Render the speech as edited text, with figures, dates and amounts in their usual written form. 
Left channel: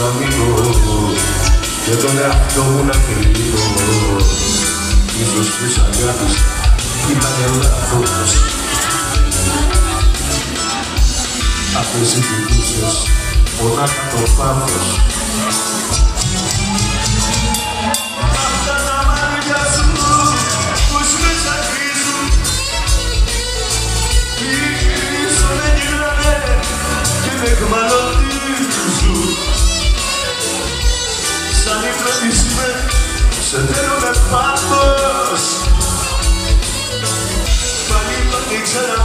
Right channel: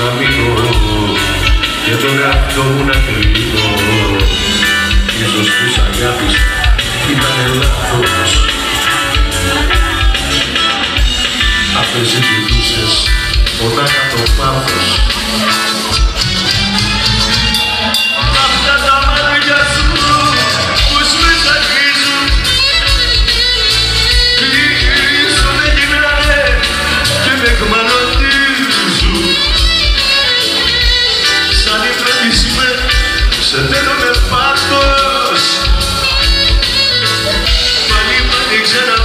να μείνω και τον εαυτό μου να κρίνω. Ίσως της αγάπης ήτανε λάθος. Αυτές οι κοιτούσες πονάκα το πάθος. Αυτά τα μάτια σου πως με σαγίζουν, ίσως με γυρνάνε και με εκμαλωτίζουν. Σαν υπνοτισμε σε θέλουνε πάθος. Πάλι πάλι ξανά